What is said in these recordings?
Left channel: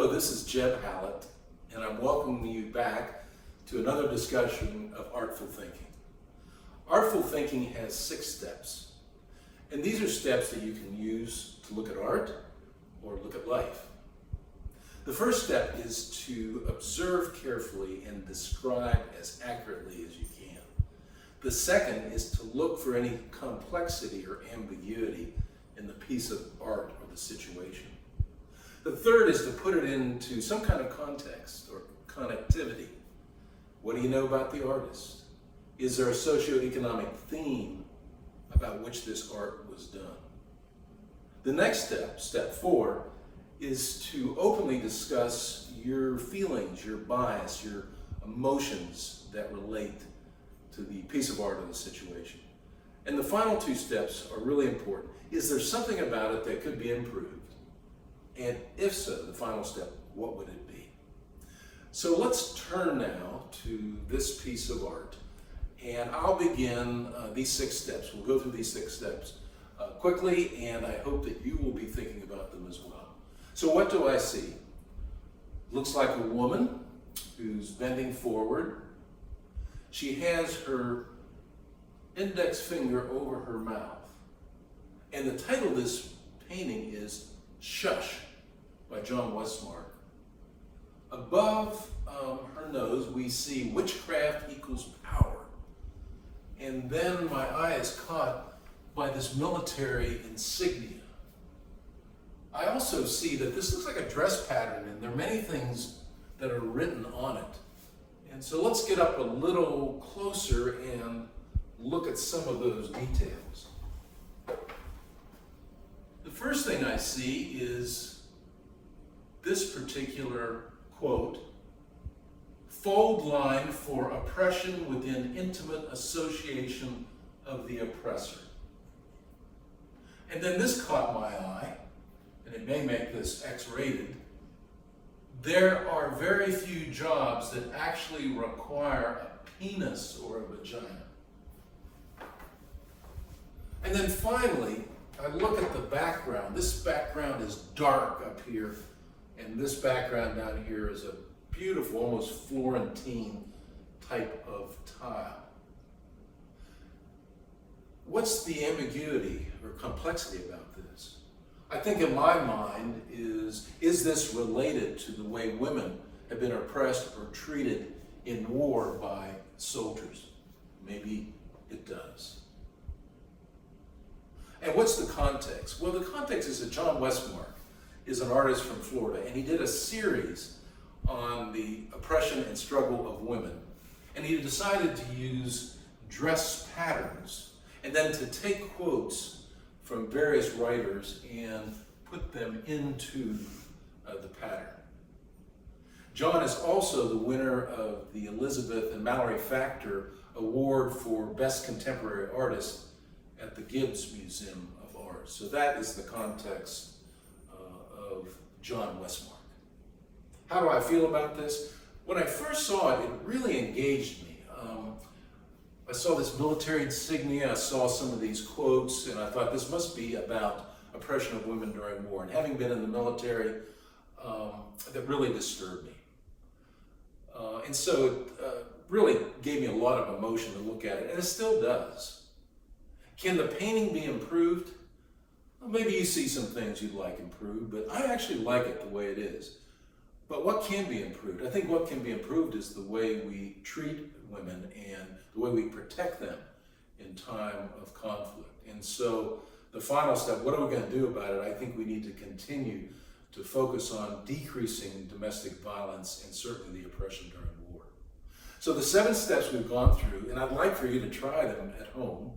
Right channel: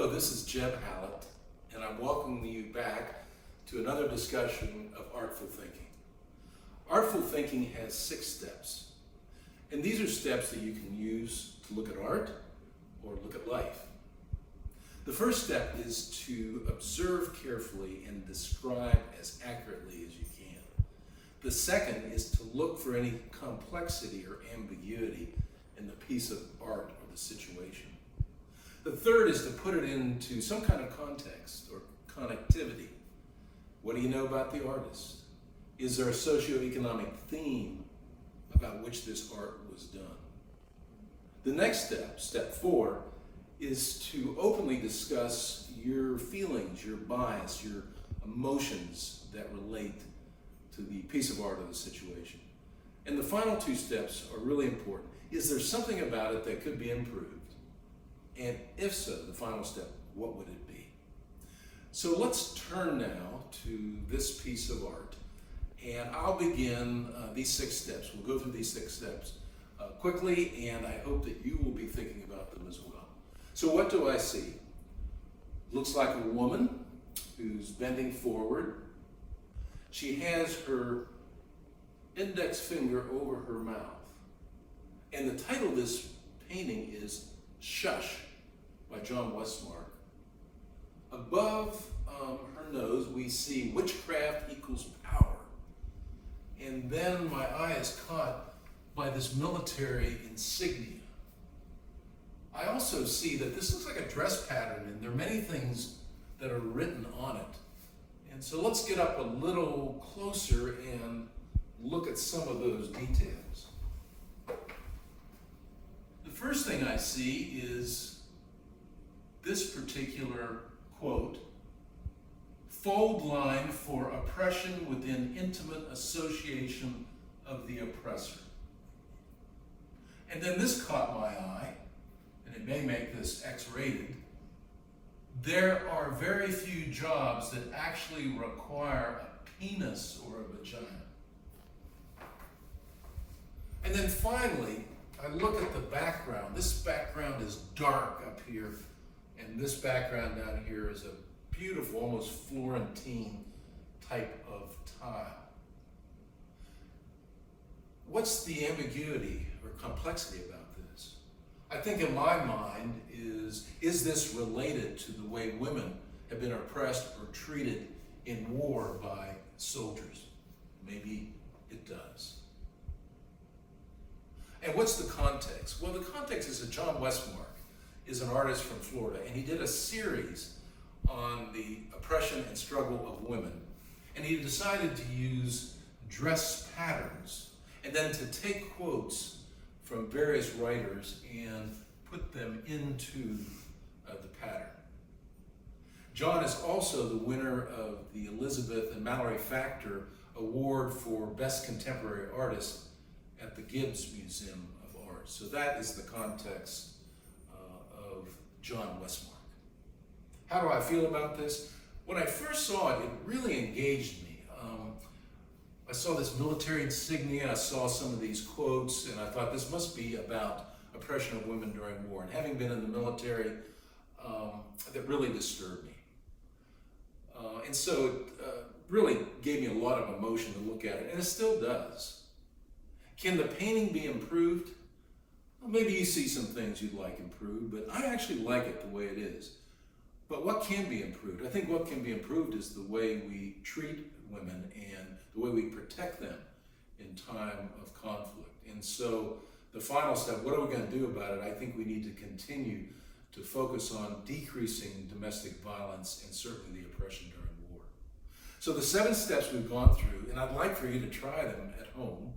Hello, this is Jeb Hallett, and I'm welcoming you back to another discussion of Artful Thinking. Artful Thinking has 6 steps, and these are steps that you can use to look at art or look at life. The first step is to observe carefully and describe as accurately as you can. The second is to look for any complexity or ambiguity in the piece of art or the situation. The third is to put it into some kind of context or connectivity. What do you know about the artist? Is there a socioeconomic theme about which this art was done? The next step, step 4, is to openly discuss your feelings, your bias, your emotions that relate to the piece of art or the situation. And the final 2 steps are really important. Is there something about it that could be improved? And if so, the final step, what would it be? So let's turn now to this piece of art. And I'll begin these 6 steps. We'll go through these 6 steps quickly, and I hope that you will be thinking about them as well. So what do I see? Looks like a woman who's bending forward. She has her index finger over her mouth. And the title of this painting is Shush by Westmark. Above her nose, we see witchcraft equals power. And then my eye is caught by this military insignia. I also see that this looks like a dress pattern, and there are many things that are written on it. And so let's get up a little closer and look at some of those details. The first thing I see is this particular quote: fold line for oppression within intimate association of the oppressor. And then this caught my eye, and it may make this X-rated. There are very few jobs that actually require a penis or a vagina. And then finally, I look at the background. This background is dark up here, and this background down here is a beautiful, almost Florentine type of tile. What's the ambiguity or complexity about this? I think in my mind is this related to the way women have been oppressed or treated in war by soldiers? Maybe it does. And what's the context? Well, the context is that Westmark is an artist from Florida, and he did a series on the oppression and struggle of women. And he decided to use dress patterns and then to take quotes from various writers and put them into the pattern. John is also the winner of the Elizabeth and Mallory Factor Award for Best Contemporary Artist at the Gibbs Museum of Art. So that is the context of Westmark. How do I feel about this? When I first saw it, it really engaged me. I saw this military insignia, I saw some of these quotes, and I thought this must be about oppression of women during war. And having been in the military, that really disturbed me. And so it really gave me a lot of emotion to look at it, and it still does. Can the painting be improved? Well, maybe you see some things you'd like improved, but I actually like it the way it is. But what can be improved? I think what can be improved is the way we treat women and the way we protect them in time of conflict. And so the final step, what are we going to do about it? I think we need to continue to focus on decreasing domestic violence and certainly the oppression during war. So the 7 steps we've gone through, and I'd like for you to try them at home.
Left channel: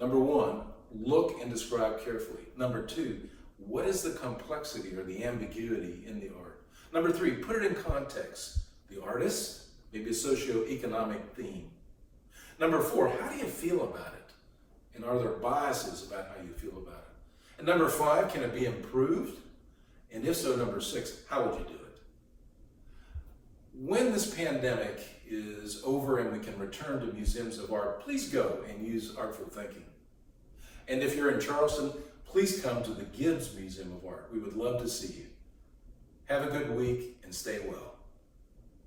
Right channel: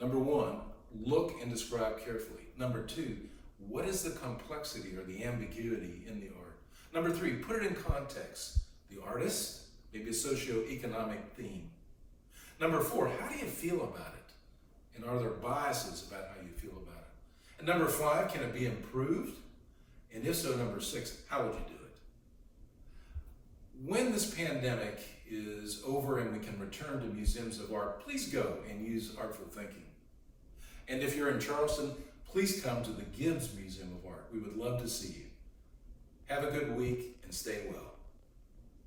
Number 1, look and describe carefully. Number 2, what is the complexity or the ambiguity in the art? Number 3, put it in context. The artist, maybe a socioeconomic theme. Number 4, how do you feel about it? And are there biases about how you feel about it? And number 5, can it be improved? And if so, number 6, how would you do it? When this pandemic is over and we can return to museums of art, please go and use Artful Thinking. And if you're in Charleston, please come to the Gibbs Museum of Art. We would love to see you. Have a good week and stay well.